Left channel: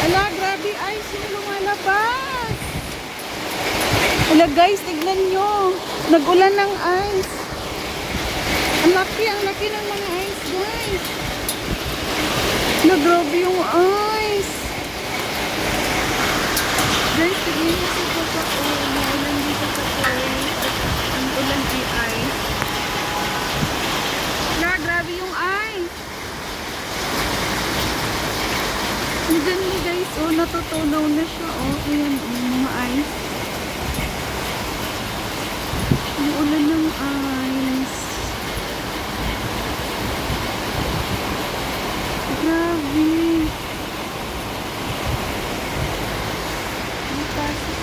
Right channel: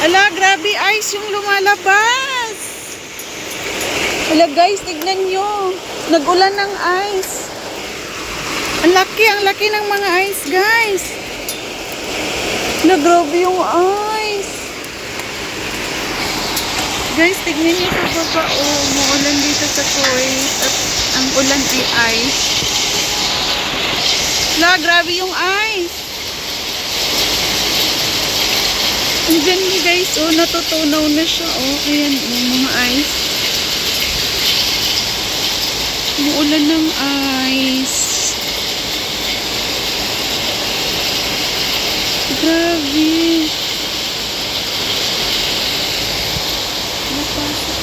Ala, grabe ice yung lumalabas. Ala guys, tignan nyo. Nagulan ng ice. Ang laki, ang laki ng mga ice guys. Ala, grabe yung ice. Guys, tignan nyo sa baba. Oh, muulan dito sa Kuwait. At ang ulan ay ice. Ala, grabe yung ice. Diyan guys, oh, natutunaw na siya, oh. Ayan, oh, mga eyes. Umuulan ng eyes. Grabe. Mapasok.